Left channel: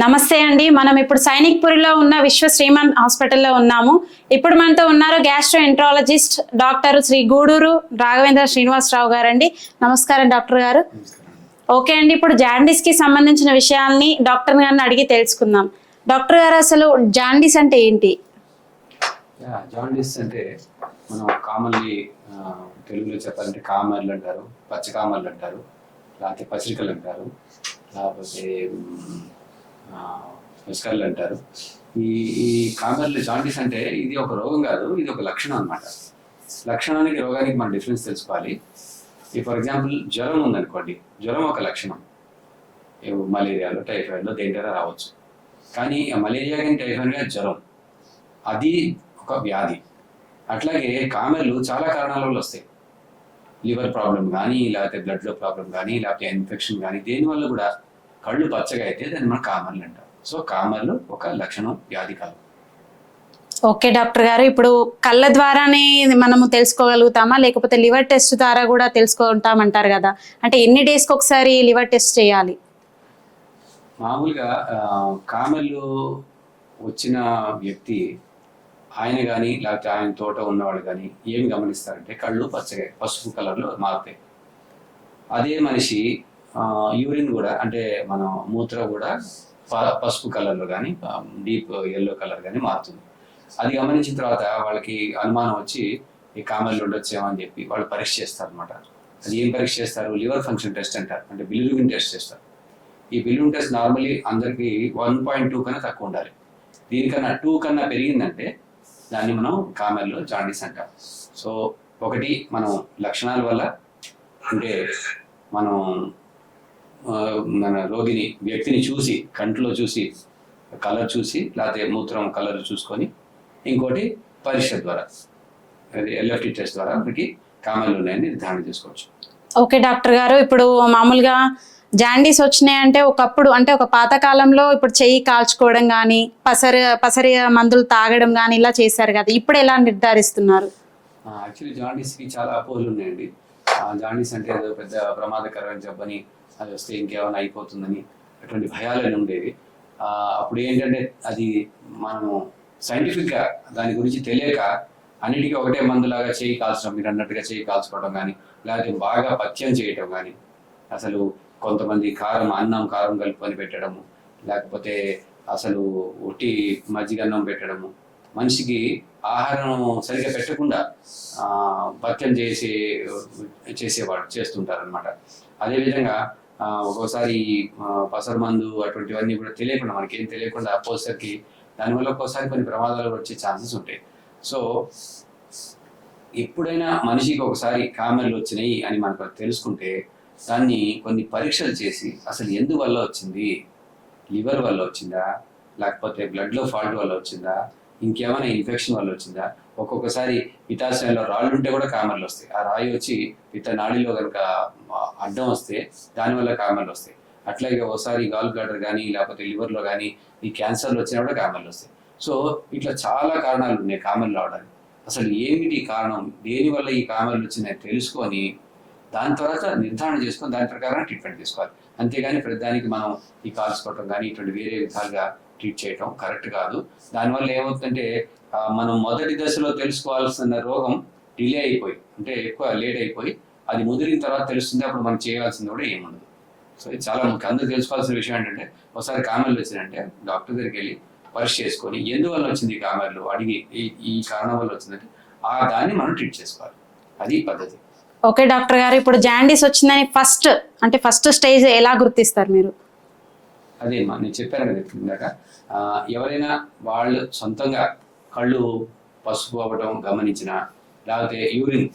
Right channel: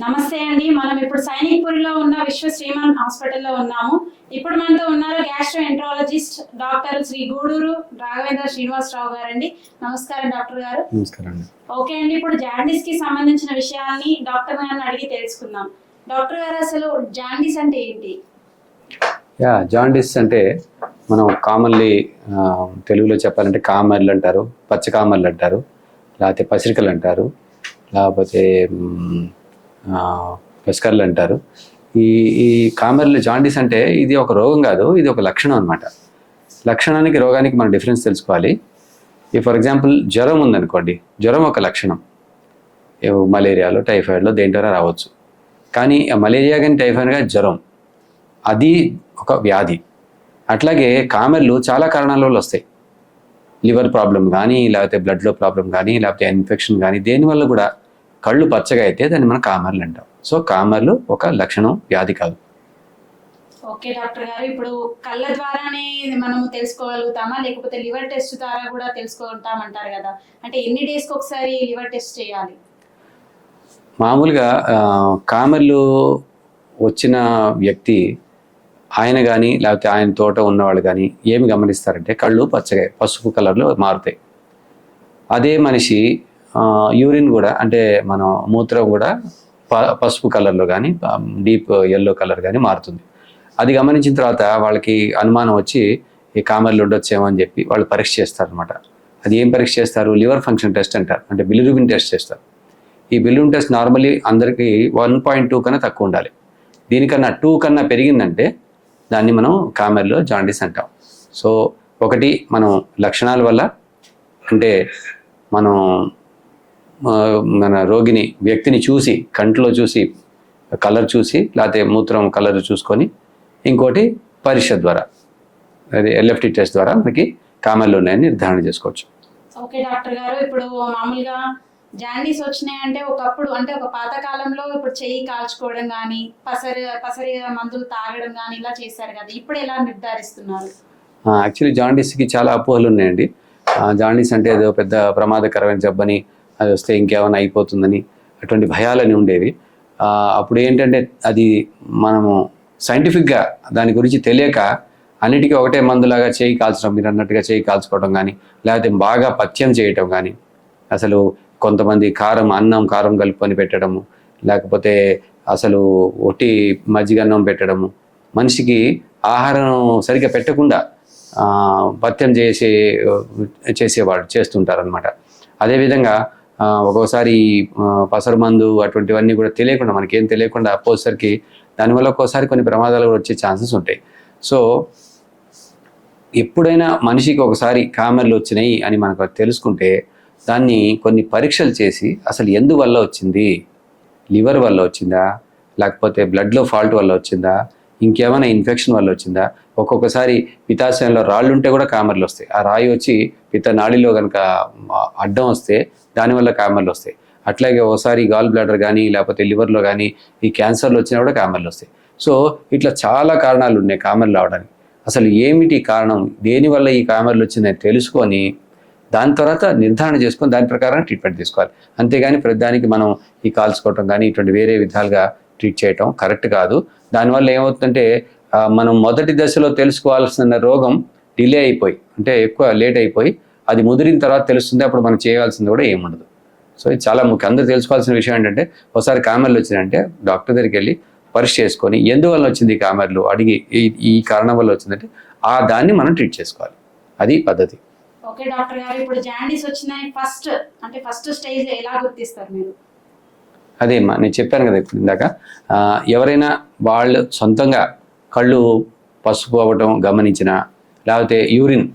నమస్తే అండి. మనం ఇప్పుడు సైనిక్పురిలో ఉన్న విశ్వ శ్రీమన్ హాస్పిటల్లో ఉన్నాము. ఇప్పుడు మనతో ఉన్నారు gastroenterologist doctor Shri Guduru Raghavendra Srinivasarao గారు అండి నమస్కారం డాక్టర్ గారు. ఓకే అండి. ఇప్పుడు జాండీస్కి సంబంధించిన విషయాల్ని డాక్టర్ గారిని అడిగి తెలుసుకుందాం. డాక్టర్ గారు అసలు జాండీస్ అంటే ఏంటి? యా జాండీస్ అంటే మనం కామన్లీ తెలుగులో చెప్పాలంటే కామర్లు అంటారు పచ్చ కామర్లు అంటారు లేకపోతే పసిరికలు అంటారు లేకపోతే పెస్కర్లు అంటారు. ఈ ఈ కామెర్లు జాండీస్ అంటే ఇది ఒక రోగం కాదు ఇది ఒక లక్షణం అనమాట లక్షణానికి రోగానికి మనం డిఫరెన్స్ తెలుసుకోవాలి. ఈ ఫర్ ఎగ్జాంపుల్ జ్వరం ఉందనుకోండి జ్వరం ఒక లక్షణం. మలేరియాలో టైఫాయిడ్లో దేంట్లో రావచ్చు. కానీ మలేరియా కానీ టైఫాయిడ్ కానీ జ్వరం అది ఒక వ్యాధి. అట్లాగే కామెర్లు చాలా కారణాల వల్ల వస్తాయి. లివర్ ప్రాబ్లం కానీ లేకపోతే బ్లడ్లో ప్రాబ్లం కానీ లేకపోతే ఇన్ఫెక్షన్ కానీ దేనివల్ల కూడా కళ్ళు పచ్చగా అయితే దాన్ని మనం కామర్లు అంటాం. సో కామర్లు ఒక లక్షణం వ్యాధి కాదు. ఓకే డాక్టర్ గారు ఇప్పుడు కళ్ళ ద్వారానే మనము తెలుసుకోగలుగుతామా? లేకపోతే లివర్ టెస్ట్ ద్వారా కూడా తెలుసుకుంటామంటారు కదా. అంటే ఎన్ని డేస్కి ఒకసారి లివర్ టెస్ట్ చేయాలి? మామూలుగా కామెర్లు వచ్చిన వ్యక్తి ఆయన కానీ లేకపోతే ఆయన తోట ఉన్నవాళ్ళు కానీ ఏమి గమనిస్తారంటే కళ్ళు పచ్చగా పసుపు కలర్లో మారుతాయి. అదే మనిషి యూరిన్ కూడా అంటే మన మూత్రం కూడా ప- పసుపు కలర్లో కానీ డీప్ ఎల్లో కలర్ కానీ మారుతుంది. అది గమనించిన తర్వాత వాళ్ళకి అనుమానం వచ్చి ఈ కామర్లు ఉండొచ్చేమో అని చెప్పి వాళ్ళు పరీక్ష చేస్తారనమాట అది ఏం పరీక్ష చేస్తారు? లివర్ ఫంక్షన్ టెస్ట్ అంటారు. అంటే బిలిరుబిన్ టెస్ట్ చేస్తారు. ఈ బిలిరుబిన్ టెస్ట్ నార్మలీ అందరికీ వన్ పాయింట్ టూ కన్నా తక్కువ ఉండాలి. దీనికన్నా టూ కన్నా పెరిగిందంటే దాన్ని మనం కామెర్లో జాండీస్ అంటాం. సో ఒకటి మనం లక్షణాల వల్ల అంటే మనం మన రోగిని వ్యక్తిని చూసి కంట్లో చూసి కలర్ చూసి లేకపోతే మూత్రం కలర్ చూసుకొని ఇంకోటి పరీక్ష ద్వారా అది ఎల్ఎఫ్టి టెస్ట్ ద్వారా మనకి కామెర్లు ఉన్నాయని నిర్ధారణ చేసుకోవచ్చు. ఓకే డాక్టర్ గారు ఇప్పుడు మామూలుగా జాండీస్ వచ్చినాయంటే ఒకప్పుడు అంటే ఒక పాత కాలంలో ఇప్పుడు చెయ్యి కాల్చుకోవడం కానీ పసరి పసరి మందులు తాగడం కానీ ఇలా చేశారు కదా ఇప్పుడు ఎలా నిర్ధారిస్తున్నారు? యాక్చువల్లీ జాండీస్కి చాలా అపోహలు ఉన్నాయండి. జాండీస్ అంటే ఏదో పెద్ద ప్రమాదకరమైన జబ్బని అది వస్తే ఇంకేమైనా అయిపోతుందని అటువంటి భయాలని ఉండేవి. అప్పుడు ఏంటంటే అది మనము సైంటిఫిక్గా దాని గురించి తెలియక అన్నిటికీ ఒకటే మందులాగా చేయి కాల్చడం మీరు అన్నట్టుగా చేయి కాల్చుకోవడం కానీ లేకపోతే బాగా పథ్యం చేయటం కానీ అసలు కొంతమంది కారం అన్నం కారం కలుపుకొని పెట్టడము లేకపోతే అసలు ఒట్టి మజ్జిగన్నం పెట్టడము మనిషికి ఆహారం సరిగ్గా పెట్టకుండా పథ్యం చేసే చేసేవాడు చేస్తుంటారనమాట అదేవిధంగా ఒక్కోసారి పసరు మందు అటువంటివన్నీ కూడా తెలియకుండా మనకేం తెలియకుండా పోసరికి దానివల్ల ఒక్కోసారి కొన్ని ప్రమాదాలు కూడా వచ్చే ఛాన్సెస్ ఉంటాయి. సో ఎప్పుడైనా మనిషికి ఒకసారి కామెర్లు వచ్చినాయి అని మనకు తెలుసుకుంటే దాన్ని కొన్ని పరీక్షలు చేసి అసలు ఎందువల్ల వచ్చింది? లివర్ వల్ల వచ్చిందా? లేకపోతే బ్లడ్లో ఫాల్ట్ వల్ల వచ్చిందా? ఇంకేమైనా ఇన్ఫెక్షన్ వల్ల వచ్చిందా? ఒక్కొక్కసారి పితాశయంలో రాళ్ళు ఉంటే కూడా కామెర్లు వస్తాయి. ఆ రాయి వచ్చి పిత నాడిలో కనుక అడ్డం వస్తే దానివల్ల కామెర్లు వస్తాయి. అట్లాగే ఒకసారి గాల్ బ్లాడర్ కానీ లేకపోతే లివర్లో కానీ ఈ క్యాన్సర్లు వచ్చినా కూడా కామెర్లు వస్తాయి. సో ఇట్లా చాలా కారణాలు ఉన్నాయి కామర్లు రావడానికి. అసలు ఏమిటి కారణం? దేనివల్ల ఈ కామెర్లు వచ్చిందని తెలుసుకొని దాని తర్వాత నిర్ధారణ చేసుకొని దాని ప్రకారం ట్రీట్మెంట్ తీసుకోవాలి. అంతేగాని ప్రతిదానికి మనం ఈ కాల్చుకోవటం కానీ ఇటువంటి వేరే విధాలుగా ట్రీట్ చేయటం కరెక్ట్ కాదు. దానివల్ల ఏమవుతుందంటే మనం మొదటి దశలో తెలుసుకోవాల్సిన రోగం డిలే అయిపోయి అంటే ఎక్కువ లేట్ అయిపోయి అది ముదిరిన తర్వాత తెలుస్తుంది అప్పుడు మనం చేయాల్సింది కూడా ఏముండదు. సో ఇది చాలా ముఖ్యం. అందరూ తెలుసుకోవాల్సిన విషయం ఏంటంటే ఒకసారి కామెర్లు వచ్చిందంటే డాక్టర్ దగ్గరికి వెళ్ళి పరీక్ష చేసుకొని ఎందువల్ల వచ్చింది ఈ కామెర్లు? అడిగి ఈ కారణం వల్ల వచ్చిందంటే ఆ దాన్ని మనం ట్రీట్ చేసుకోవాలి. అది పద్ధతి. ఓకే డాక్టర్ గారు ఇప్పుడు జాండీస్ వచ్చిందని ఫస్ట్ అంటే ఫస్ట్ స్టేజ్ ఎలా గుర్తిస్తారు మీరు? అదే అమ్మా నేను చెప్పాను కదా ఇప్పుడు ఇందాక ఎవరైనా వాళ్ళు సొంతంగా కళ్ళు పసుపు అవ్వటం గమనించిన లేకపోతే యూరిన్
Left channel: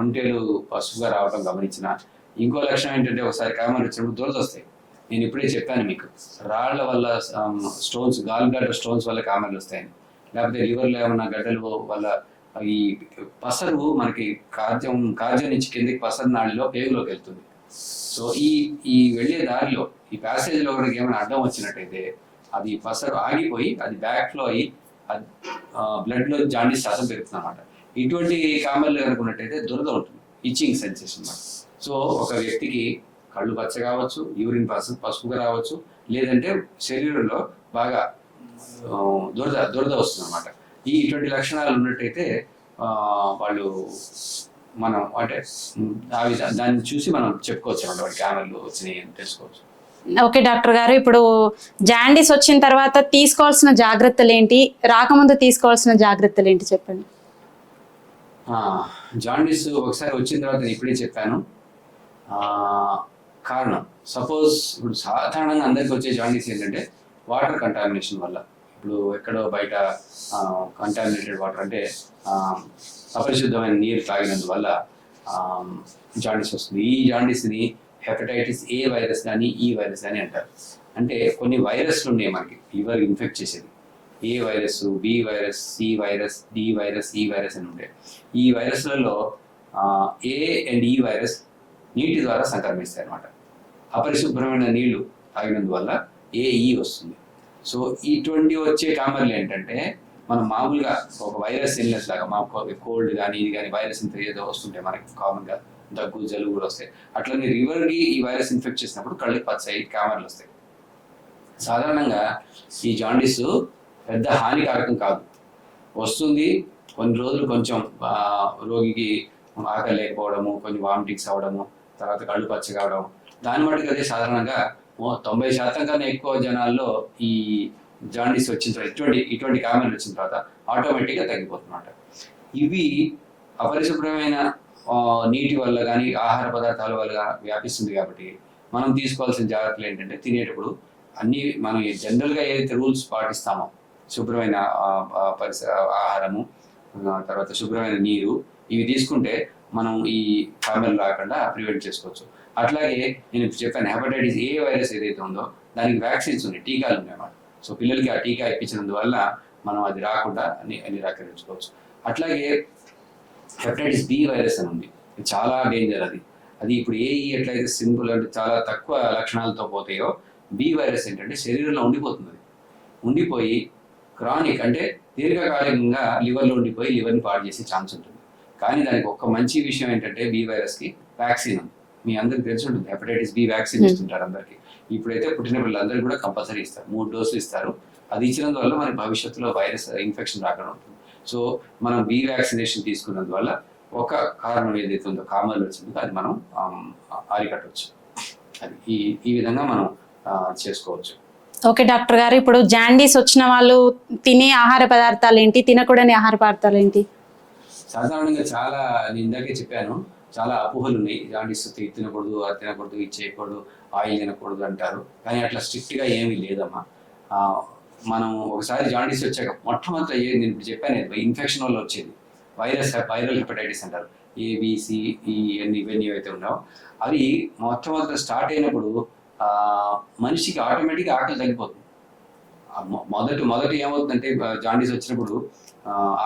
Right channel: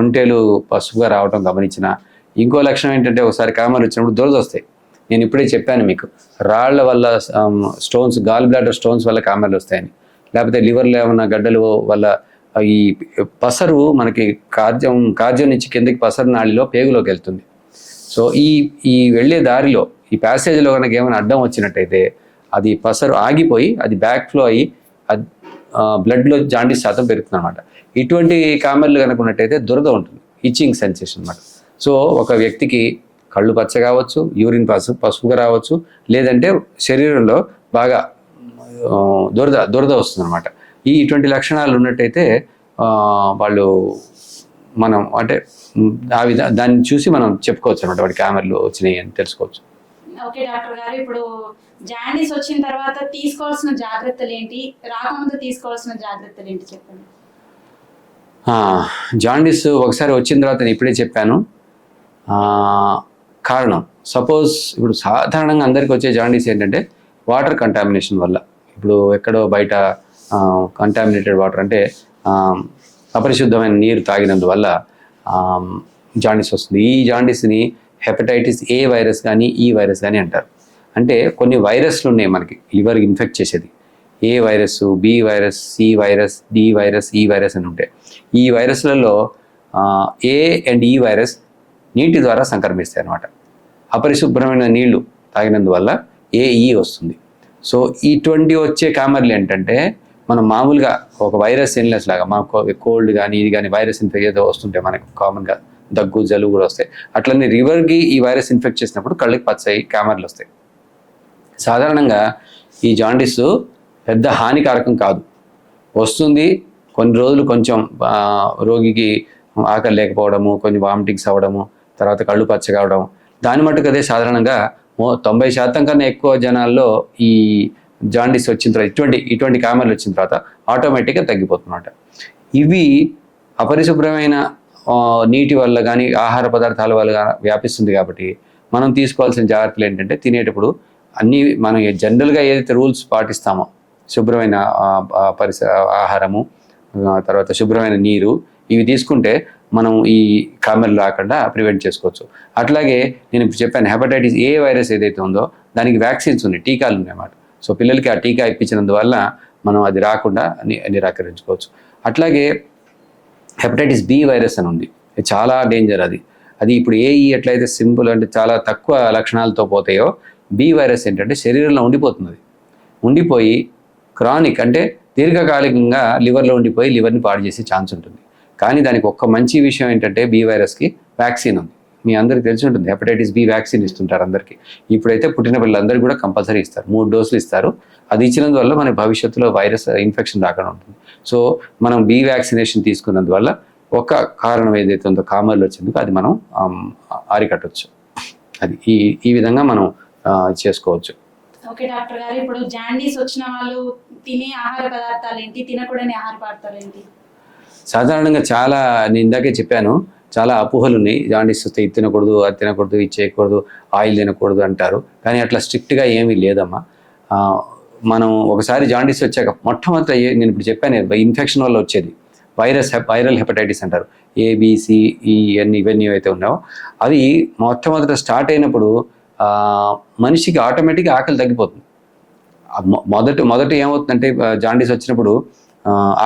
ఒంటేలు పసుపుగా రావటం గమనించిన ఇంకో లక్షణం ఏంటంటే ఒకసారి కామాలు వచ్చినప్పుడు దురద వస్తాయి. నేను ఇప్పుడే చెప్పాను మీకు రాళ్ళ వల్ల స్టోన్స్ గాల్ బ్లాడర్ స్టోన్స్ వల్ల కామాలు వస్తాయని. లేకపోతే లివర్లో ఏమైనా గడ్డలు వల్ల ఈ పసరు మనకి కార్జం కార్జం నుంచి కిందకి పసరు నాడిలో పేగులోకి వెళ్తుంది. సో ఈ ఈ వెళ్ళే దారిలో ఈ ప్యాసేజ్లో కనుక ఏమైనా అడ్డం వచ్చినట్టయితే అది పసరు ఆగిపోయి అది బ్యాక్ ఫ్లో అయ్యి అది బ్లడ్లో జాండీస్ శాతం పెరుగుతుంది అనమాట ఇటువంటి కామెర్లు కనుక ఉన్నట్టయితే దురద ఉంటుంది. ఇచ్చింగ్ సెన్సేషన్ అనమాట సో ఒక వ్యక్తికి కళ్ళు పచ్చ కావచ్చు యూరిన్ పసుపు పసుపుగా రావచ్చు లేదంటే శరీరంలో బాగా దురద దురద వస్తుంది అనమాట ఈ ఇటువంటి లక్షణాలు ఉన్నట్టయితే వాళ్ళు మనం అంటే ఆ విధ దాన్ని చూసి మనం చెప్పుకోవచ్చు అనమాట వాడి క్యామెరాలు వచ్చినాయి అని తెలుసుకోవచ్చు. ఓకే డాక్టర్ గారు. ఇప్పుడు జాండీస్ వచ్చిన తర్వాత తీసుకోవాల్సిన జాగ్రత్తలు ఏంటి రాకముందు తీసుకోవాల్సిన జాగ్రత్తలు ఏంటి చెప్పండి జాండీస్ ఒకసారి వచ్చిన తర్వాత నేను ఇప్పుడే చెప్పాను. కారణం. సపోజ్ ఇప్పుడు సాధారణంగా అందరికి వచ్చే జాండీస్ ఏంటంటే వాటర్ కంటామినేషన్ వల్ల. ఇప్పుడు ఎక్కడో బయట కంటామినేటెడ్ వాటర్ అంటే అపరిశుద్ధమైన నీరు తాగినందువల్ల జాండీస్ వస్తుంది. ఈ జాండీస్ని హెపటైటిస్ ఏ వైరస్ కానీ ఈ వైరస్ కానీ అంటారు. అంటే కొన్ని వైరస్లు ఉన్నాయి మనకి లివర్ ఇన్ఫెక్ట్ చేసేది. A virus B virus C virus D virus E virus అని ఉంటాయి. ఈ వైరస్లలో ఏ అండ్ ఈ వైరస్ నీటి ద్వారా సంక్రమిస్తాయి అన్నమాట. అపరిశుభ్రమైన నీళ్ళు తాగినందువల్ల ఏఈ వస్తుంది. సో ఇటువంటి వచ్చే కామర్లు ఏంటంటే మనం మామూలుగా ఒక వైరస్ ఇన్లెస్ లాగా మాకు కోల్డ్ కానీ ఇది కానీ వైరస్ ఇన్ఫెక్ట్ ఏదో వస్తుంటే మనకు కామన్గా దగ్గు జలుబు కూడా వస్తాయి. అట్లనే రివర్కి ఈ వైరస్ ఇన్ఫెక్ట్ చేసినప్పుడు కళ్ళకి పచ్చాయి కామర్లు వస్తాయి. సాధారణంగా ఈ జాండీస్ పెద్ద హానికారకం కాదు. వస్తుంది కొన్ని రోజులు కొంచెం రోగికి ఆకలి లేకపోవడము కొంచెం వామిటింగ్స్ అవ్వడము తర్వాత కళ్ళు పచ్చ కావడం. దాని మటుకు అదే సాధారణంగా తొంభై శాతం కన్నా ఎక్కువ జనాల్లో ఈ జాండీస్ వచ్చిన తర్వాత ఇటువంటి ఇటువంటి కామెర్లు వచ్చిన తర్వాత ఆటోమేటిక్గా తగ్గిపోతున్నమాట ఇవి అపరిశుభ్రమైన నీటి వల్ల కానీ ఆహార పదార్థాల వల్ల వ్యాపిస్తుంది కాబట్టి మనం తీసుకోవాల్సిన జాగ్రత్తలు ఏంటంటే తినేటప్పుడు అన్నీ మనం జనరల్గా ఏదైతే రూల్స్ పాటిస్తామో శుభ్రమైన పరిస ఆహారము తర్వాత శుభ్రమైన నీరు ఇవి తీసుకుంటే మనం ఈ కామెర్లు రాకుండా ప్రివెంట్ చేసుకోవచ్చు. అట్లాగే నేను చెప్పాను హెపటైటిస్ ఏ వైరస్ ఏదైతే ఉందో దానికి వ్యాక్సిన్స్ ఉన్నాయి టీకాలు ఉన్నాయన్నమాట సో పిల్లలకి ఆ టీకా ఇప్పించినందువల్ల మనం అది రాకుండా నిరాకరించుకోవచ్చు. అట్లాగే హెపటైటిస్ బి వైరస్ అని ఉంది. చాలా డేంజర్ అది. అది ఇప్పుడు ఏఈ ఎట్లయితే సింపుల్ అంటే చాలా తక్కువ లక్షణాలతో పోతాయో బి వైరస్ ఏంటంటే శరీరంలో ఉండిపోతుంది. ఉండిపోయి క్రానిక్ అంటే దీర్ఘకాలికంగా లివర్లో ఉండిపోయి లివర్ని పాడు చేసే ఛాన్స్ ఉంటుంది. కానీ దానికి ఒక్క మంచి విషయం ఏంటంటే బి వైరస్కి వ్యాక్సిన్ ఉంది. మీ అందరికి తెలిసి ఉంటుంది. హెపటైటిస్ బి వ్యాక్సిన్ ఇస్తుంటారు అందరికీ. ఇప్పుడైతే పుట్టిన పిల్లలందరికీ కూడా కంపల్సరీ ఇస్తారు. మూడు డోసులు ఇస్తారు. అది ఇచ్చినందువల్ల మనకి భవిష్యత్తులో వైరస్ ఇన్ఫెక్షన్ రాకుండా ఉంటుంది. సో మనం బి వ్యాక్సినేషన్ తీసుకున్నందువల్ల ఒక కారణం ఏదైతే ఉందో కామర్లు వచ్చిందో అది మనం అరికట్టవచ్చు అది ఈ ఈ విధంగా మనం చేసుకోవచ్చు. ఓకే డాక్టర్ గారు ఇప్పుడు జాండీస్ వచ్చిన వాళ్ళు తినే ఆహార పదార్థాలు ఏంటి? తినకూడని ఆహార పదార్థాలు ఏంటి? సాధారణంగా చాలా నేను ఇందాకే చెప్పాను చాలా అపోహలు ఉన్నాయి జాండీస్ వస్తే ఇది తినకూడదు అది తినకూడదు ఇది చేయకూడదు ఆయిల్ తినకూడదు అంటారు. కానీ అట్లా స్ట్రిక్ట్గా ఏమీ లేదమ్మా. మనం ఒకసారి జాండీస్ వచ్చాక మొట్టమొదట నేను ఇప్పుడు చెప్పాను ఇన్ఫెక్షన్ వల్ల వచ్చేది. వైరస్ వైరల్ హెపటైటిస్ అంటారు. ఏబిసి ఇవన్నీ e, ఇవన్నీ ఏవైతే ఉన్నాయో అవి మొట్టమొదట స్టార్ట్ అయినప్పుడు మనిషికి ఆటోమేటిక్గా ఆకలి తగ్గిపోతుంది. మొదట మొదట ఏమవుతుందంటే జాండీస్ వచ్చినప్పుడు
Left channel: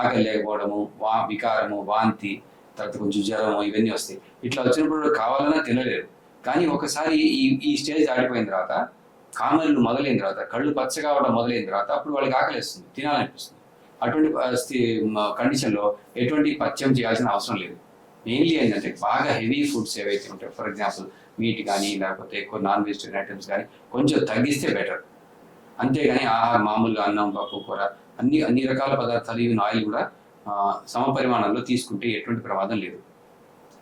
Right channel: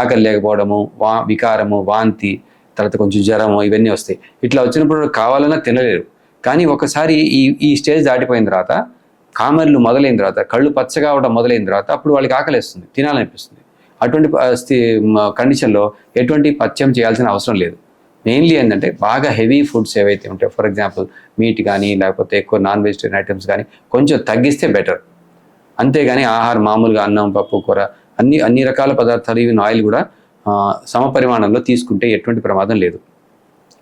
ఆకలి లేకపోవడము వా వికారము వాంతి తర్వాత కొంచెం జ్వరము ఇవన్నీ వస్తాయి. ఇట్లా వచ్చినప్పుడు కావాలన్నా తినలేరు. కానీ ఒకసారి ఈ ఈ స్టేజ్ దాటిపోయిన తర్వాత కామర్లు మొదలైన తర్వాత కళ్ళు పచ్చగా అవడం మొదలైన తర్వాత అప్పుడు వాళ్ళకి ఆకలిస్తుంది తినాలనిపిస్తుంది. అటువంటి కండిషన్లో ఎటువంటి పథ్యం చేయాల్సిన అవసరం లేదు. మెయిన్లీ ఏంటంటే బాగా హెవీ ఫుడ్స్ ఏవైతే ఉంటాయో ఫర్ ఎగ్జాంపుల్ మీట్ కానీ లేకపోతే ఎక్కువ నాన్ వెజిటేరియన్ ఐటమ్స్ కానీ కొంచెం తగ్గిస్తే బెటర్. అంతేగాని ఆహారం మామూలుగా అన్నం పప్పు కూర అన్ని అన్ని రకాల పదార్థాలు ఈవెన్ ఆయిల్ కూడా సమపరిమాణంలో తీసుకుంటే ఎటువంటి ప్రమాదం లేదు.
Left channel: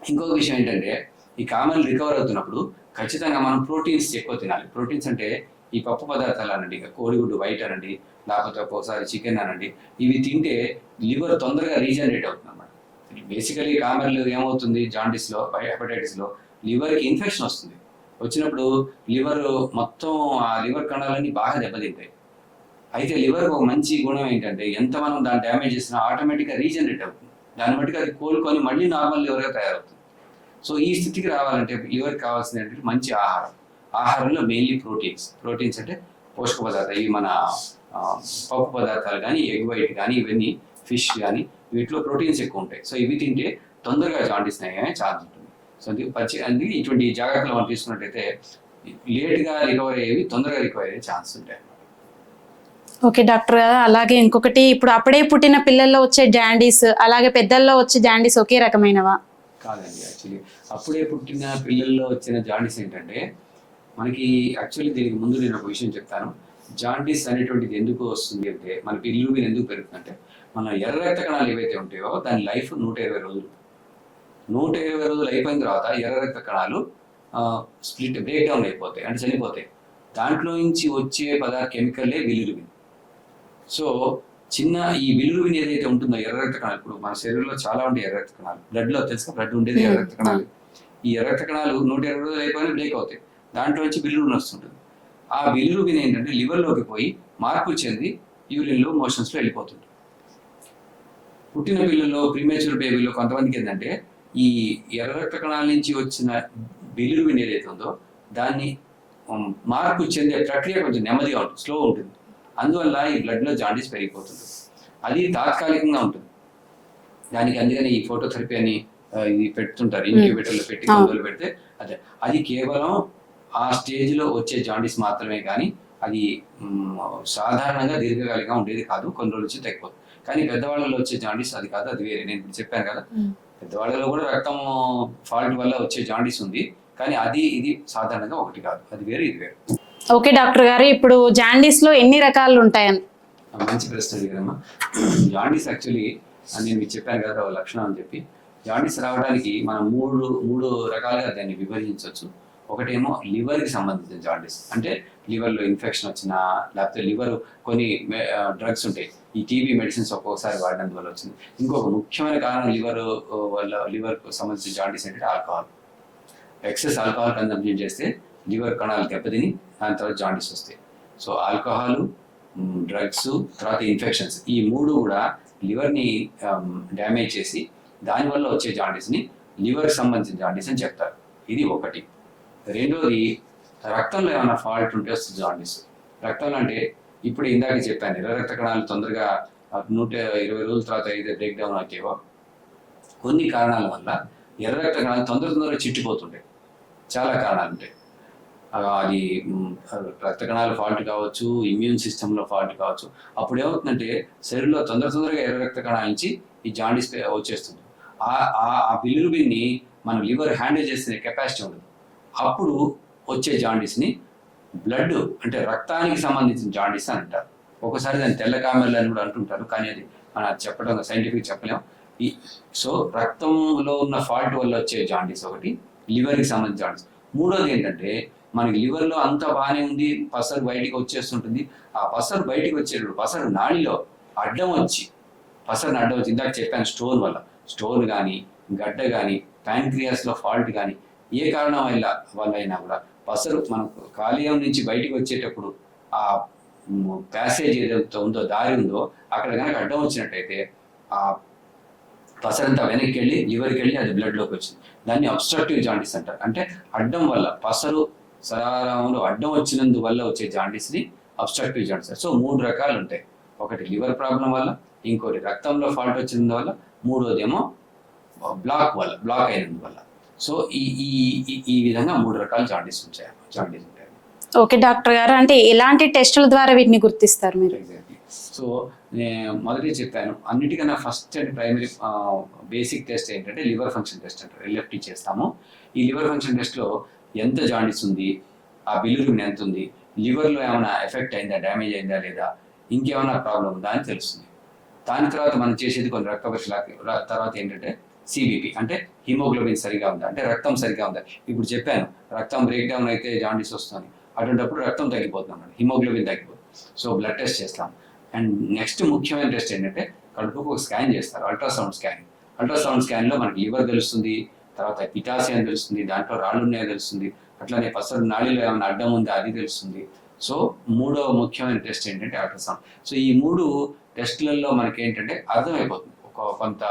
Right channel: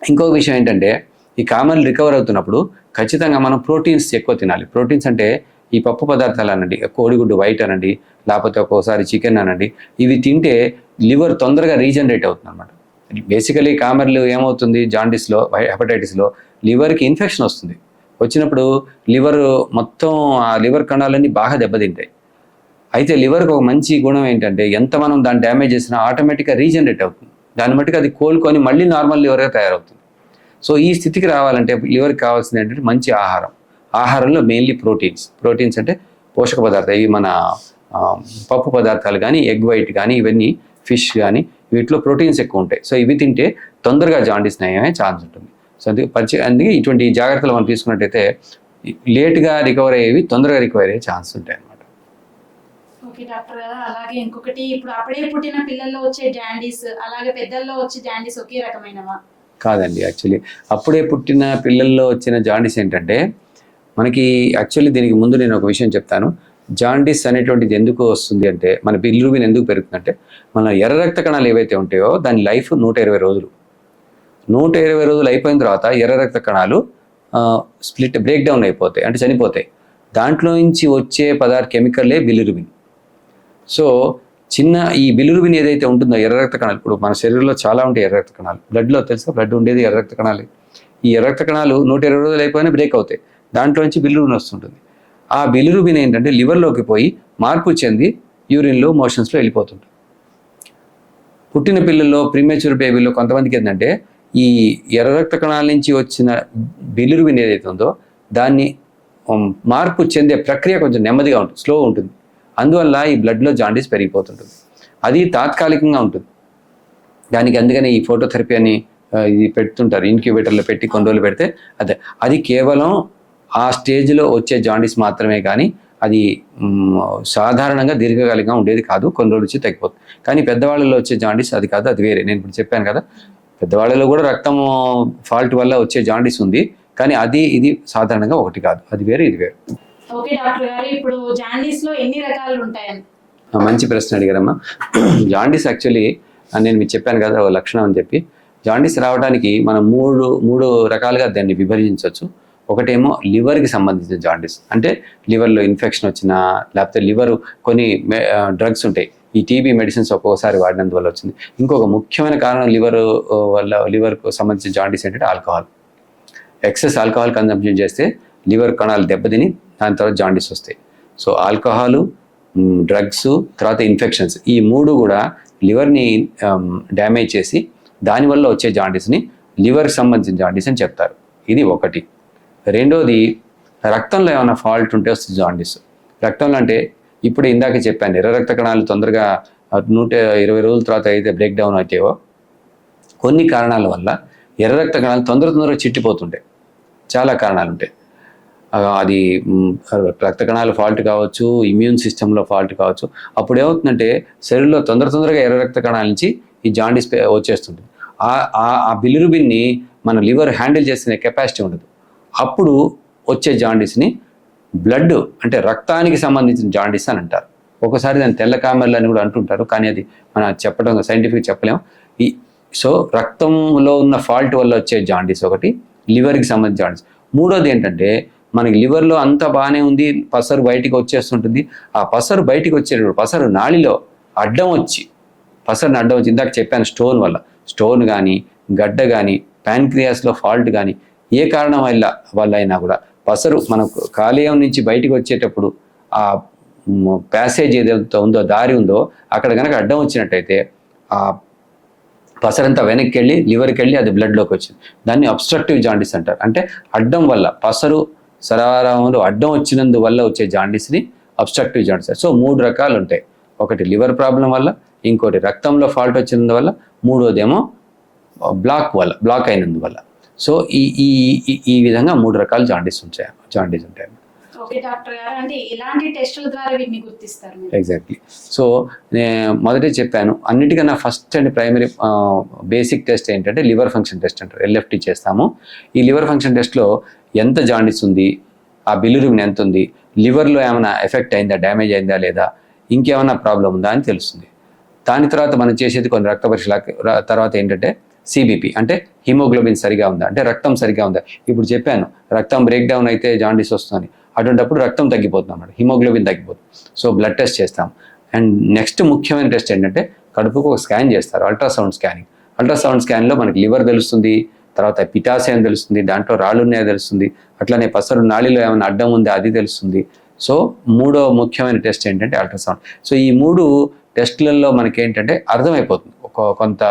ఇంకో విషయం ఏంటంటే ఈ కామన్ రికవర్ అవుతున్నప్పుడు ఖచ్చితంగా మనం ప్రోటీన్స్ ఎక్కువ తినాలి. ప్రోటీన్స్ అంటే ఈ పప్పు పదార్థాలు అనండి కోడిగుడ్డు వైట్ అనండి లేకపోతే ఒక్కోసారి చికెన్ అనండి ఇవి తింటే లివర్ తొందరగా రీజనరేట్ అవుతుంది అనమాట బేసికలీ కామర్లు ఏమవుతుంది? జాండీస్లో హెపటైటిస్లో లివర్కి ఇన్ఫెక్షన్ వస్తుంది. వచ్చినప్పుడు లివర్ మొత్తం ఆ లివర్ కణాలన్నీ బాగా దెబ్బతింటాయి. అయితే లివర్కి ఒక మంచి గుణం ఏంటంటే ఎంత మనం దాన్ని డ్యామేజ్ చేసినా ఆటోమేటిక్గా రీజనరేట్ అవుతుంది. దాన్ని మట్టుకు అది కోలుకొని మళ్ళీ నార్మల్ లివర్గా తయారవుతుంది. సో ఈ స్థితికి రావాలంటే లివర్కి కావాల్సింది ఏంటంటే మంచి ఆహారం. ఆహారంలో మెయిన్లీ ప్రోటీన్స్ ప్రోటీన్స్ అంటే పోషక పదార్థాలు. ఇవి మన పప్పు పదార్థాలు కానీ ఎగ్ వైట్ కానీ ఇవన్నీ ఫిష్ కానీ వీటిలో ప్రోటీన్స్ ఎక్కువ ఉంటాయి. సో ఇవి తింటే తొందరగా జాండీస్ నయమే ఛాన్స్ ఉంటుంది. సో అందుకే పచ్చి అందుకే ఇటువంటి జాగ్రత్తలు మనం తీసుకున్నట్టయితే లేట్గా రికవర్ అయ్యేవి తొందరగా రికవర్ అయ్యే ఛాన్స్ ఉంటాయి అన్నమాట. ఓకే డాక్టర్ గారు. అలాగే ఇంకొకటి ఇప్పుడు అప్పుడే పుట్టిన పిల్లల్లో వచ్చే జాండీస్ అలాగే పెద్దల్లో వచ్చే జాండీస్ ఒకే రకమైనవా? కాదండి యాక్చువల్లీ అప్పుడే పుట్టిన పిల్లల్లో వచ్చిన జాండీస్ ఏంటంటే మనకి యాక్చువల్లీ దీనికి ముందు నేను ఒక విషయం చెప్తాను. జాండీస్ అనేటువంటిది ఎందుకు వస్తుంది అంటే మన బిల్లుబిన్ ఎందుకు పెరుగుతుందంటే మన ఎర్ర రక్త కణాలు ఏవైతే ఉంటాయో దాని లైఫ్ నూట ఇరవై రోజులు. నూట ఇరవై రోజులు అయిపోయిన తర్వాత ఎర్ర రక్త కణాలు స్ప్లిట్ బ్రేక్ డౌన్ అయిపోతాయి అంటే చనిపోతాయి. దాంట్లో నుంచి వచ్చే పదార్థ కెమికల్లే బిలిరుబిన్ సో చిన్న ఈ బిలిరుబిన్ ఏదైతే ఉంటుందో ఎర్ర రక్త కణాలు ఇప్పుడు మన శరీరంలో చాలా ఉంటాయి ఎర్ర రక్త కణాలు. బ్లడ్లో తెలుసా? బ్లడ్ ఉండేది ఎర్ర రక్త కణాలు. ఈ ఎర్ర రక్త కణాలు నూట ఇరవై రోజులు అయిపోయినా బ్రేక్ అవుతాయి. దాంట్లో నుంచి బిలిరుబిన్ వస్తుంటుంది. ఆ బిలిరుబిన్ ఏంటంటే లివర్లోకి పోయి మార్పు చెంది యూరిన్లో మోషన్స్లో వెళ్ళిపోతుంది. పుట్టిన పిల్లల్లో ప్రీమేచ్యూర్ బేబీలో కొంతమందికి ఏంటంటే ఈ ఎర్ర రక్త కణాల నుంచి వచ్చిన బిలిరుబిన్ ఏదైతే ఉందో దాన్ని మార్పు చెందే ప్రక్రియ కొంచెం నెమ్మదిగా ఉంటుంది స్లో ఉంటుంది. అందువల్ల ఈ బ్లడ్లో జాండీస్ పెరిగిపోతుంటుంది. అది తాత్కాలికంగా ఉంటుంది. దానికి అందుకని ఈ ఫోటోథెరపీ అని ఇది పెడుతుంటారు ఇంక్యుబేటర్లో పెట్టి కొన్ని రోజులు పెడితే అదే. అది కేవలం ఆ స్టేజ్లో వచ్చే జాండీస్ మాత్రమే కానీ అది సాధారణంగా దీర్ఘకాలికంగా ఉండేది కాదు కొన్ని రోజులు వచ్చి తగ్గిపోతుంది కానీ పెద్దవాళ్ళలో వచ్చే జాండీస్ అది కాదు అది వేరే. నేను ఇప్పుడు చెప్పాను కదా. పెద్దవాళ్ళలో కూడా రక్తం ఫాల్ట్ వల్ల వచ్చే జాండీస్ ఉంది కానీ అది ఇది సాధారణంగా ఒకటి కాదు. అది వేరే ఇది వేరే. ఓకే డాక్టర్ గారు. ఇప్పుడు జాండీస్లో ఎన్ని రకాలు ఉంటాయని? మంచి ప్రశ్న అడిగారమ్మా. జాండీస్ యాక్చువల్లీ నేను మీకు చెప్పాను కదా ఒక లక్షణం అని చెప్పి. జాండీస్ రావడానికి మనం మూడు మూడు రకాలుగా దాన్ని విభజించవచ్చు. ఒకటేమో లివర్కి సంబంధించిన జాండీస్. అంటే లివర్లో ఇన్ఫెక్షన్ వచ్చినా లేకపోతే లివర్ కొన్ని డ్రగ్స్ ఉంటాయి. ఈ టీబీ మెడిసిన్స్ ఒక్కోసారి వాడినందువల్ల వచ్చింది. ఇంకొక ముఖ్యమైన కారణం లివర్ వల్ల లివర్కు సంబంధించిన జాండీస్ ఏంటంటే ఆల్కహాల్. ఎక్సెస్ ఆల్కహాల్ కన్జంప్షన్ చేస్తే లివర్ కణాలు దెబ్బతిని దాని తర్వాత జాండీస్ వస్తాయి. సో ఆల్కహాలు డ్రగ్స్ తర్వాత ఇన్ఫెక్షన్స్ ఈ మూడు కూడా లివర్ని డ్యామేజ్ చేసి దానివల్ల వచ్చే జాండీస్ని లివర్కి సంబంధించిన జాండీస్ అని చెప్తారు. ఇది ఒకటి. రెండోది రక్తంలో ఏమైనా ఫాల్ట్ ఉంటే వస్తుంది జాండీస్. రక్తంలో అంటే ఇప్పుడు ఇందాక చెప్పాను ఎర్ర రక్త కణాలు తొందరగా నూట ఇరవై రోజుల తర్వాత అయితే బ్రేక్ డౌన్ అవుతాయో కొన్ని కారణాల వల్ల ఎర్ర రక్త కణాలు తొందర తొందరగా చిట్టిపోతుంటాయి. చాలా కారణాలు ఉంటాయి. అది రక్తకణాల రక్త కణాల ఫాల్ట్ కావచ్చు ఇమ్యూన్ సిస్టంలో ఫాల్ట్ కావచ్చు. అప్పుడు ఏమవుతుందంటే శరీరంలో తొందర తొందరగా ఎర్ర రక్త కణాల నుంచి ఈ జాండీస్ పే- వచ్చేస్తుంది. ఆ ఆ- ఆ బిలిరుబిన్ని మన లివర్ హ్యాండిల్ చేసిన కెపాసిటీ ఉండదు. అప్పుడు వచ్చే జాండీస్ని బ్లడ్ అంటే రక్తానికి సంబంధించిన జాండీస్ అని అంటారు. ఒకసారి దాన్ని తెల్ల కామెర్లు అని కూడా అంటుంటారు కానీ అది మన చెప్పడం సైంటిఫిక్ చెప్పలేము. ఈ సో రక్తంలో ఉన్న ఫాల్ట్ వల్ల వచ్చే జాండీస్ ఒకటి లివర్కి సంబంధించిన జాండీస్ మూడోది ఏంటంటే మనకి లివర్లో అంతా బాగానే ఉంది పసరు బయటికి వచ్చేస్తుంటుంది. ఆ పసరు బయటికి వచ్చేటప్పుడు పసరు నాళిలో అడ్డం వచ్చి పసరుని అడ్డం వచ్చి ఇందాక చెప్పాను స్టోన్ వల్ల స్టోన్ కానీ గడ్డ కానీ ప్యాన్క్రియాస్లో ఫాల్ట్ కానీ ఏ కారణం వల్ల వల్ల అయినా కూడా పసరు మనకు కాలేయం నుంచి బయటికి వచ్చేటప్పుడు ఆ ప్యాసేజ్ ఏదైతే ఉందో దారి ఉందో అక్కడ కనుక అడ్డం వచ్చినట్టయితే ఆ పసరంతా వెనక్కి వెళ్ళి లివర్కి వెళ్ళి అది బ్లడ్లోకి వచ్చింది. దాన్ని అబ్స్ట్రక్టివ్ జాండీస్ అంటారు. అంటే అడ్డం వల్ల పసరు సరారంలో అడ్డం వచ్చినందువల్ల వచ్చే జాండీస్ని అబ్స్ట్రక్టివ్ జాండీస్. సో మూడు రకాలు ఉంటాయి ఒకటి లివర్ ప్రాబ్లం వల్ల ఇంకోటి రక్తంలో ఫాల్ట్ వచ్చినందువల్ల మూడోదేమో బ్లాక్ వల్ల బ్లాక్ అయినందువల్ల. సో ఈ ఈ ఈ- ఈ విధంగా మూడు రకాల జాండీస్ ఉంటాయి జాండీస్ ఉంటాయి. ఓకే డాక్టర్ గారు. అంటే ఎలాంటి టెస్టుల ద్వారా వీటిని గుర్తిస్తారు మీరు? ఎగ్జాక్ట్లీ సో నేను మొదటే చెప్పాను అన్నిటికన్నా first and primary basic test ఏంటంటే లివర్ ఫంక్షన్ టెస్ట్ అంటారు. ఎల్ఎఫ్టీ చేస్తాము. ఈ లివర్ ఫంక్షన్ టెస్ట్లో ఎంత జాండిస్ ఉంది? ఆ బిలిరుబిన్ ఎంత ఉంది? లివర్లో ఏమైనా ఎఫెక్ట్ అయిందా? డ్యామేజ్ అయిందా లేదా? ఇంకేమైనా ప్రాబ్లం ఉందా అని తెలుస్తుంది. దాని తర్వాత మనం చేసేది కొన్ని రక్త పరీక్షల తర్వాత ఏంటంటే సిబిపి అంటే హిమోగ్లోబిన్ సరిగా ఉందా? అంటే రక్తం సరిగా ఉందా? ఇప్పుడు చెప్పాను రక్తం బ్రేక్ డౌన్ అయితే జాండీస్ వస్తుంది అటువంటిప్పుడు రక్తం తగ్గిపోతుంది అన్నమాట. హిమోగ్లోబిన్ తగ్గిపోతుంది. సో బ్లడ్ టెస్ట్ చేస్తాం. అండ్ నెక్స్ట్ ముఖ్యమైన టెస్ట్ ఏంటంటే కడుపుకు ఒక స్కాన్ చేస్తారు అల్ట్రాసౌండ్ స్కానింగ్ అల్ట్రాసౌండ్ స్కాన్లో మనకి లివర్ తెలుస్తుంది. తర్వాత పిటాశయం తెలుస్తుంది దాంట్లో రాళ్ళు ఉన్నాయో తెలుస్తుంది అట్లనే పసరు నాళిలో ఏమైనా అడ్డం ఉందా అది తెలుస్తుంది. సో మూడో ముఖ్యమైన టెస్ట్ ఏంటంటే అల్ట్రాసౌండ్. సో ఈ మూడు టెస్ట్లలో మనకి ఏంటంటే అర్థమైపోతుంది. ఒక కొంత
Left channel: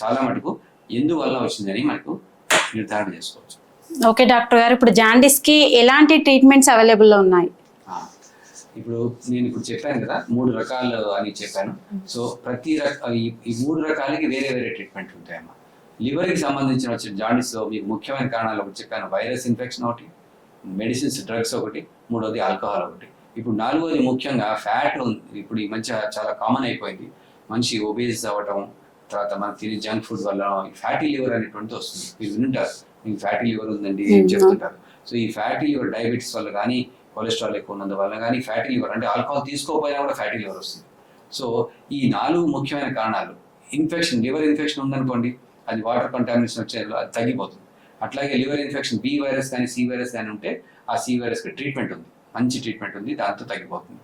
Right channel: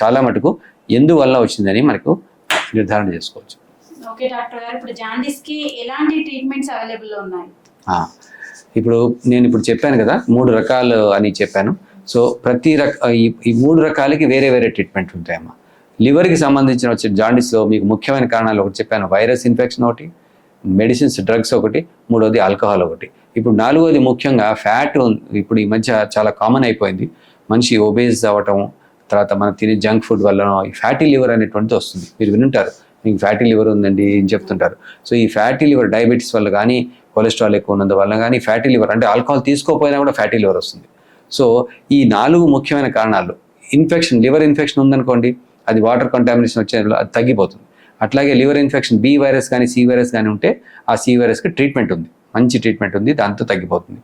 చాలా మటుకు ఎందువల్ల వచ్చిందని మనకు నిర్ధారణ చేసుకోవచ్చు. ఓకే డాక్టర్ గారు ఇప్పుడు జాండీస్కి ఎలాంటి ట్రీట్మెంట్స్ అవైలబుల్లో ఉన్నాయి ఇప్పుడు నేను ఇప్పుడు చెప్పాను కదా మూడు రకాలు అని చెప్పాను. సో ప్రతి రక ఈ మూడు రకాలకి వేరే వేరే ట్రీట్మెంట్ ఉంటాయమ్మా. లివర్కి సంబంధించిన వచ్చే జాండీస్లో మీకు ముఖ్యమైన కారణాలు ఒకటి చెప్పాను. వైరస్ ఇన్ఫెక్షన్ ఒకటి మెడిసిన్స్ డ్రగ్స్ ఒకటి మూడోది ఆల్కహాల్ ఒకటి. ఇప్పుడు నాలుగోది ముఖ్యంగా ఫ్యాట్ ఇప్పుడు ఈ మధ్య చాలా కామన్ అయిపోయింది. మనిషి ఒబేస్ అవ్వటం తర్వాత మనం తినే జంక్ ఫుడ్ వల్ల ఈ ఫ్యాటీ లివర్ అనేటువంటిది వస్తుంది. మీరు వినుంటారు. మీకు ఫ్యాటీ లివర్ ఉందండి అని చెప్తుంటారు. సో ఈ ఫ్యాటీ లివర్ డయాబెటీస్ వల్ల కానీ కొలెస్ట్రాల్ ఎక్కువ ఉన్నందు వల్ల కానీ ఫ్యాటీ లివర్ అంటే ఆల్కహాల్ తీసుకోకపోయినా కూడా ఫ్యాటీ లివర్ వస్తుంది. సో ఈ నాలుగు ముఖ్యమైన కారణాలు. ఇన్ఫెక్షన్ లివర్ ఇన్ఫెక్షన్ ఉందనుకోండి అది వాటర్ కంటామినేషన్ వచ్చే అది తగ్గిపోతుంది. అట్లాగే లివర్ ఇన్ఫెక్షన్ బి వైరస్ కానీ సి వైరస్ కానీ ఉంటే ఆ సి వైరస్కి ట్రీట్మెంట్ ఉంది. మంచి ట్రీట్మెంట్ ఉంది దాంతో తగ్గిపోతుంది.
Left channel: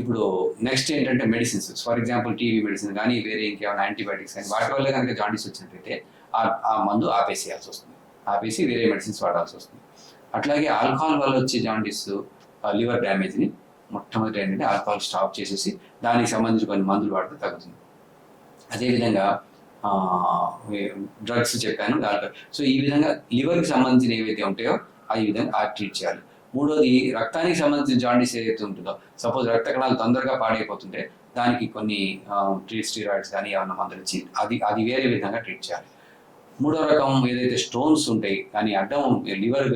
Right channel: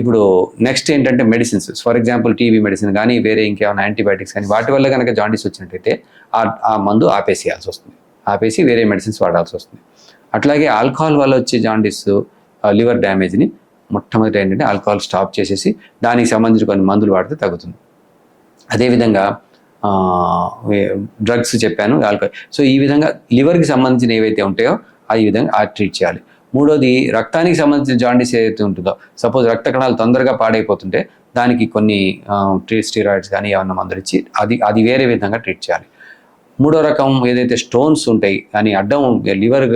ఇప్పుడు నెక్స్ట్ ఏంటంటే medicines. For example TB medicine కానీ వేరే ఇంకేమైనా యాంటీబయాటిక్స్ కానీ వాటి వల్ల కనుక జాండీస్ వచ్చినట్టయితే ఆ మందు ఆపేసేయాల్సి వస్తుంది. ఆపేసి వేరే మెడిసిన్స్ వాడాల్సి వస్తుంది. అట్లాగే ఆల్కహాల్ వల్ల వచ్చే జాండీస్ లివర్ డ్యామేజ్ని మొట్టమొదటి ఏంటంటే ఆల్కహాల్ స్టాప్ చేసేసి దానికి సంబంధించిన కొన్ని మందులు వాడితే తగ్గుతుంది. అదేవిధంగా డ్రగ్స్ చెప్పాను ఆల్కహాల్ సో ఈ విధంగా లివర్కి సంబంధించిన ఏవైతే ఉంటాయో ఆ ఈ విధంగా ఆ ట్రీట్ చేయాలి. మూడోది రక్తానికి సంబంధించిన జాండీస్ ఏదైతే ఉంటుందో సపోజ్ రక్త కణాలు తొందరగా పాడైపోతుంటే దానికి కొన్ని ట్రీ స్టీరాయిడ్స్ కానీ ఏమన్నా మందులు ఇచ్చి అది అది వేరే విధంగా ట్రీట్ చేయాలి. మూడో రకం ఏదైతే స్టోన్స్ ఉంటాయి కానీ అడ్డం లివర్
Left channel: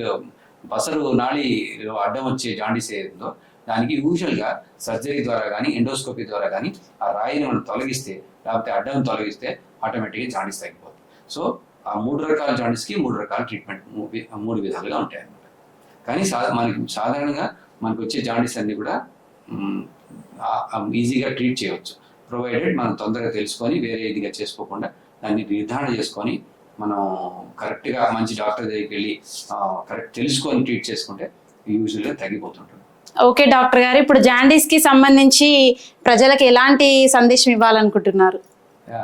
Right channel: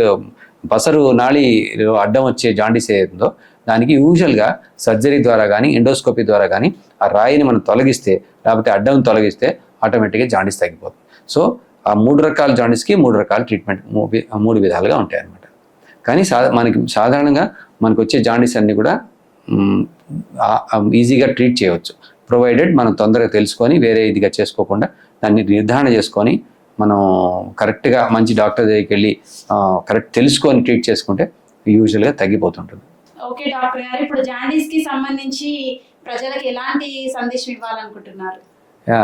పసరు నాళిలో అడ్డం వచ్చే జాండీస్ ఏదైతుందో దానికి యూజువల్గా సర్జరీ ద్వారా కానీ ఎండోస్కోపీ ద్వారా కానీ ఆ రాయిని మనం తొలగిస్తే లేకపోతే అడ్డం తొలగిస్తే ఆటోమేటిక్గా జాండీస్ తగ్గిపోతుంది. సో ఆ మూడు రకాల జాండీస్కి మూడు రకాల ట్రీట్మెంట్ మూ- మూడు విధాలుగా ఉంటాయి అన్నమాట. కానీ సా మనకి సాధారణంగా మనకు వచ్చే జాండీస్ అన్నీ కూడా ఈజీగా ట్రీట్ చేయవచ్చు. ప్రొవైడెడ్ మనం తొందరగా తెలుసుకొని వేరే ఇదిగా చేసుకోకుండా దాన్ని నిర్ధారణ చేసుకొని మనం కరెక్ట్గా మంచి డాక్టర్ దగ్గరికి వెళ్ళి కరెక్ట్ తెలుసుకొని ట్రీట్ చేసుకుంటే యూజువల్గా తగ్గిపోతుంటుంది. ఓకే డాక్టర్ గారు ఇప్పుడు జాండీస్కి సంబంధించి ప్రజలకు ఎలాంటి సందేశం ఇవ్వాలనుకుంటున్నారు? యా.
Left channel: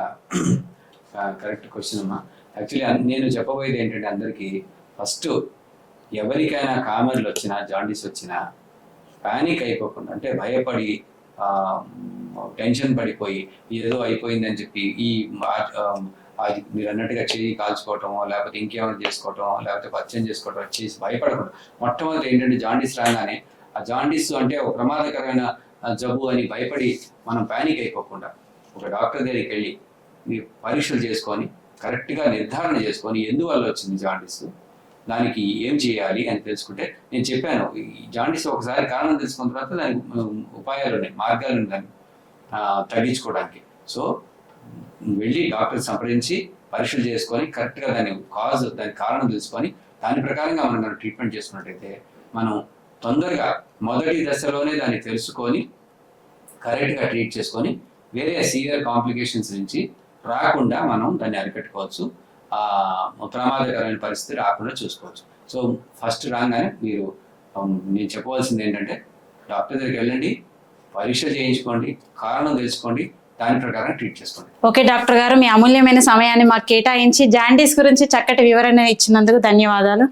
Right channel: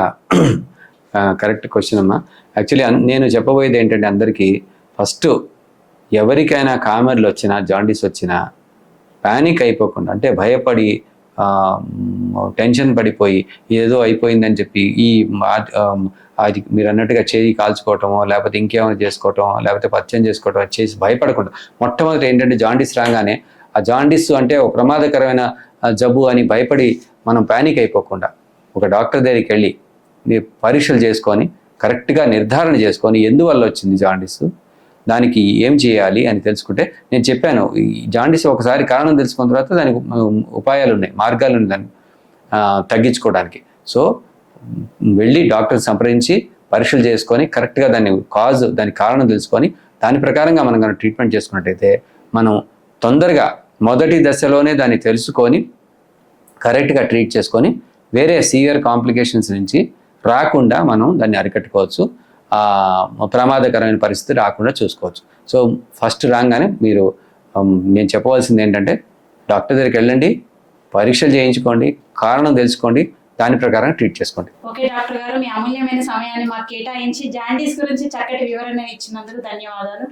కరెక్ట్ క్వశ్చన్ అమ్మా. యాక్చువల్లీ నేను చెప్పబోయేది ఏంటంటే అందరికీ ఫస్ట్ ఎవరికైనా కామెర్లు వచ్చినా జాండీస్ వచ్చినా ప్యానిక్ అయిపోకుండా అంటే భయపడి టెన్షన్ పడిపోయి ఏదో అయిపోయిందని చెప్పి ఈ అది మీరు అన్నట్టుగా చేయి కాల్చుకోవటమో లేకపోతే ఇంకేమైనా చేసుకోవటం లేకపోతే పచ్చని చేసుకోవటం అది చేసి భయపడకుండా మొట్టమొదటి ఏంటంటే జాండీస్ రాగానే ఆ జాండీస్ అంటే ఒక ప్రమాదకరమైన జబ్బు అని భయపడి మనం ప్యానిక్ అయిపోకుండా ఒక డాక్టర్ దగ్గరికి వెళ్ళి పరీక్షలు చేసుకొని కరెక్ట్గా నిర్ధారణ చేసుకొని ఎందువల్ల వచ్చింది జాండీస్? దానికి ఏం చేయాలి అని తెలుసుకుంటే నేను చెప్పాను. ఈ జాండీస్ ఒకసారి కారణం తెలుసుకున్న తర్వాత దానికి ఉపాయాలు ఉన్నాయి మార్గాలు ఉన్నాయి దాన్ని తగ్గించుకోవడానికి. సో వెళ్ళి డాక్టర్ సంప్రదించి పరీక్షలు చేసుకొని కరెక్ట్గా దాన్ని కాజ్ దాని కారణం తెలుసుకొని దాని ప్రకారంగా మనం కనుక ట్రీట్మెంట్ చేసుకున్నట్టయితే మనం తొందరగా మొదటి దశలోనే దాన్ని తెలుసుకొని కరెక్ట్గా ట్రీట్ చేసుకొని వేరే సివియర్ కాంప్లికేషన్స్ నుంచి రాకుండా మనం దాన్ని అరికట్టుకోవచ్చు. ప్రమాదకరమైన పరిస్థితి రాకుండా చూసుకోవచ్చు. సో ఫస్ట్ రాగానే మీరు నేను చెప్పవలసింది ఏంటంటే డాక్టర్ దగ్గరికి వెళ్ళండి పరీక్షలు చేయించుకోండి కారణం తెలుసుకోండి దాని ప్రకారం ట్రీట్ చేసుకోండి. ఓకే డాక్టర్ గారు మీ అమూల్యమైన సమయాన్ని మాకు కేటాయించి జాండీస్ గురించి చక్కటి వివరణ ఇచ్చినందుకు ధన్యవాదాలు.